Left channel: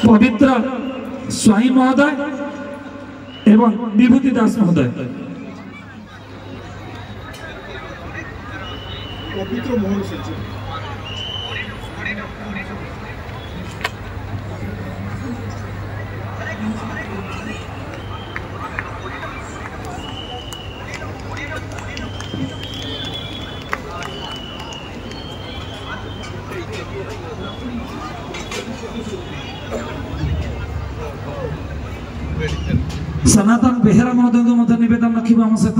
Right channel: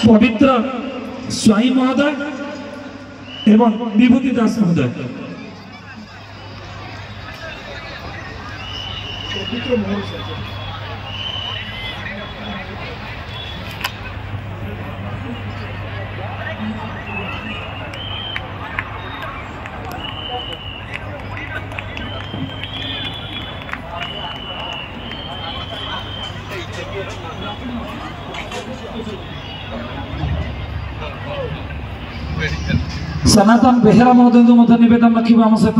पवित्र स्वाई महोदय एवं विभूति दास महोदय। पवित्र मोहन सनातन बेहरा महोदय को निवेदन रखा आम सहित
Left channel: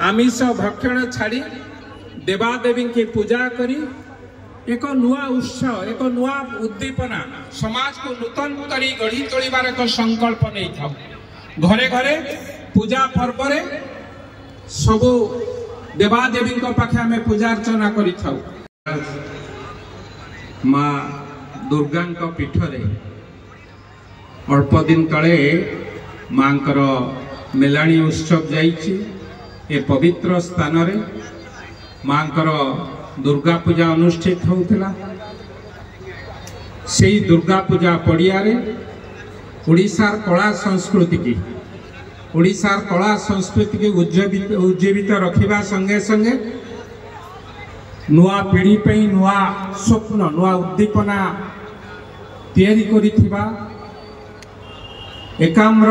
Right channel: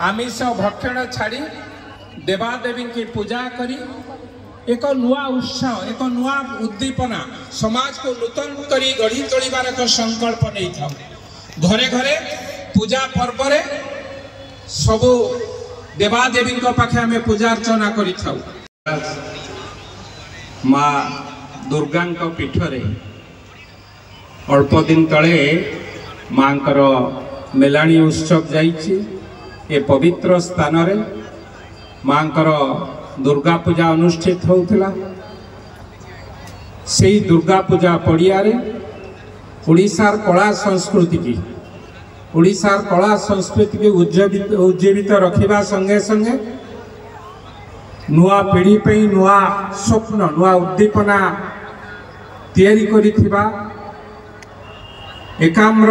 आमिष भक्षण छाड़ी देवादेवी की पूजा करी एक नुआ उत्साह एक नुआ उद्दीपना समाज को नूतन करी गढ़ी तोड़ार एक संकल्प नहीं था। घरे घरे पूजा पर्व रे सबु देवादेवी पाखे आम पूजा अर्चना करी माँ दुर्गा पीठरे अल्प दिन तले माँ मेलाणी उत्सव जाइए। ए पवित्र स्थान रे माँ दुर्गा पूजा अनुष्ठित होता। से दुर्गा पूजा पड़िया ओडिशार कला संस्कृति की उज्जीवित रखा संगे संगे नुआ पीढ़ी पे नुआ स्वप्न नुआ उद्दीपना तैयारी करिथिबा एकाम्र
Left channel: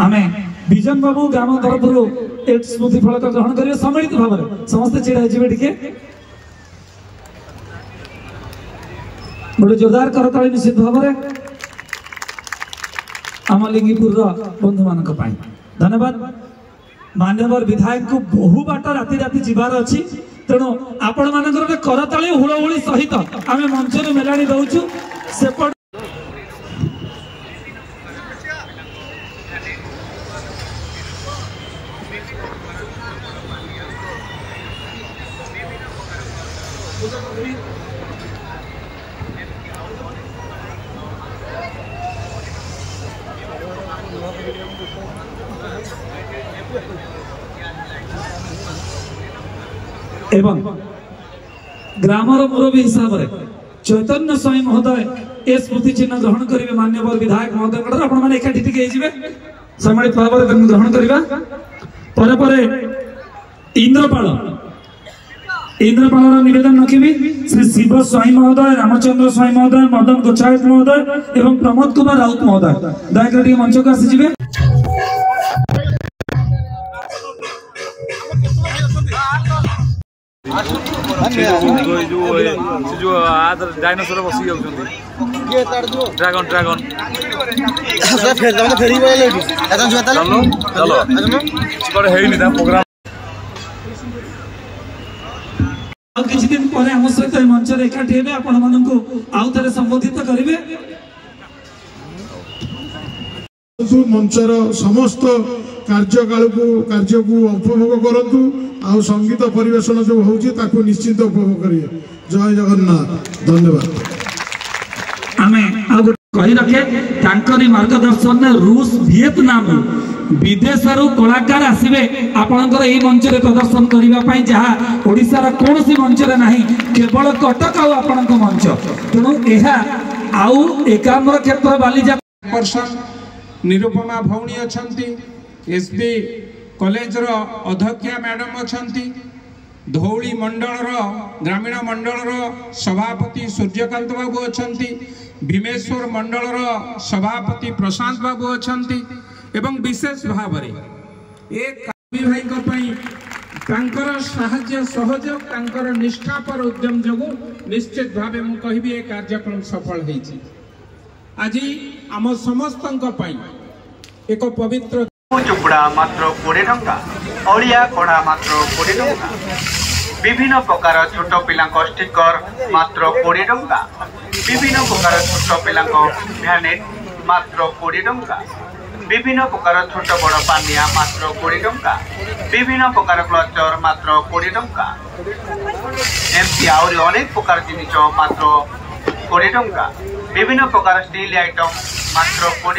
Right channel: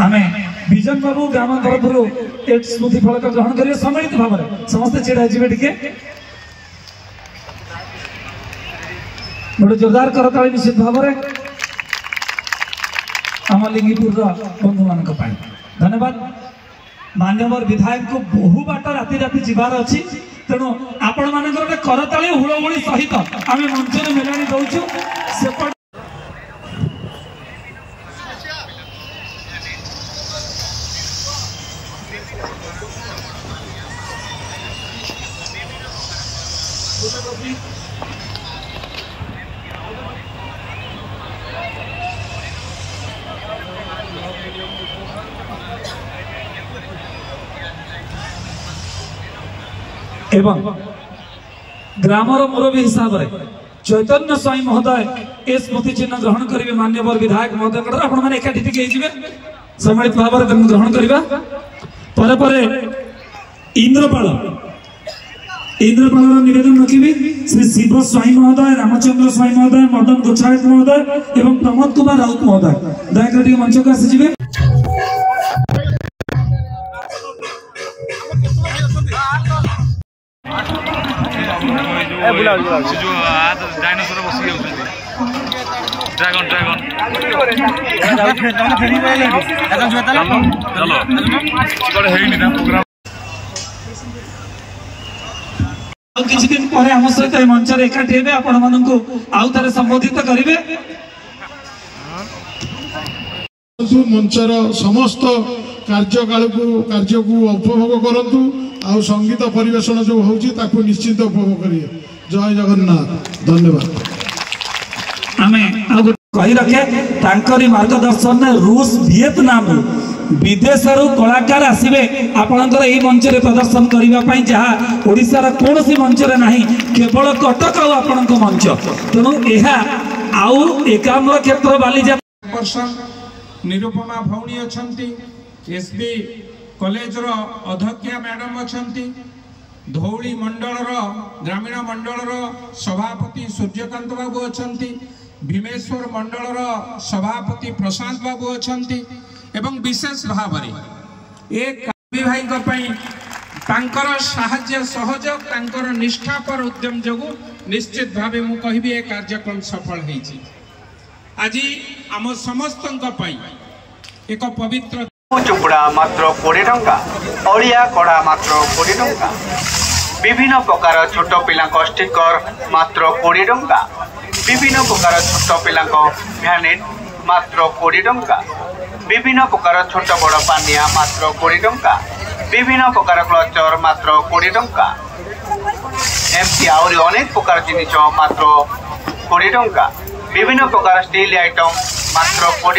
आमे विजन बाबू ग्राम तरफ एक स्मृति फलक ग्रहण करेंगे सम्मिलित भाव में समस्त छिड़ा टे गोटे जोरदार करताली निश्चित भाव में आम लिंगीपुर बंधु मान धन्यवाद। मान्यवर विधायक को बहु बाट राति राति जीवार अच्छी तेणु आपण मान करताली हुड़हुड़ी सहित आम मंच में मेलाणी दौचु सेपट एवं ग्रामर मुरबी हिसाब से चैतन्य स्वाई महोदय ए स्मृति चिन्ह ग्रहण करेंगे। मान्यवर विधायक महोदय आपने एकाठी टिके सम्मिलित भाव में ग्रहण करवा पर इंद्रपाल निवेदन रखी श्री शिव स्वाई महोदय रामचंद्र स्वाई महोदय मदन गोचायत महोदय एवं प्रमोद कुमार राउत महोदय दयाकर मंच को आसीजे। जो डायनासोर बस ड्रागन ड्रागन चलो प्रोग्राम किसी दिन पर आम सहित मंच एकाठी हे आपण मानू आउ थे संबोधित करेंगे। मंचर समस्त कार्यकाल को उपभोग करूँ आ संगीत परिवेशन जो हो निश्चित उपभोग करिए। जय जगन्नाथ धन्यवाद। आमे कही रखे मार्गदर्शन रूस वियतनाम विदेश कलाकार आसवे आपणकर यही मंच में प्रदर्शन करने जहाँ ओडिशार कौन सी मंच में नहीं केवल कटक आपण मंच तेणु यह आउ एकाम्र क्षेत्र बालीजा निरुपमा भौणी अच्छा एसबी कॉलेज अध्यक्षा मैडम अच्छा धौली मंडल ग्रामीण मंडल सभापति सूर्यकांत बाबू अच्छा भीमेश्वर मंडल सभापति प्रशांत बाबू अच्छा एवं विशेष भाव में एक भाई साहाय्य सहयोग तांकर निष्ठापर उद्यम जो निश्चित भाव मु कहि ए कार्यक्रम सफल होइछि। आज आम समस्त एक पवित्र चुकुड़ा मात्र 20 टंका ओडिया कड़ा मात्र 20 टंका विभिन्न प्रकार छोट पिला स्टिकर मात्र 20 टंका विभिन्न प्रकार छोट पिला भ्यानेट मात्र 20 टंका विभिन्न प्रकार छोट बड़ पानिया मात्र 20 टंका विभिन्न प्रकार क्लचर मात्र 20 टंका एमती आउरी अनेक प्रकार जिनिस मात्र 20 टंका विभिन्न प्रकार स्टील आइटम मात्र 20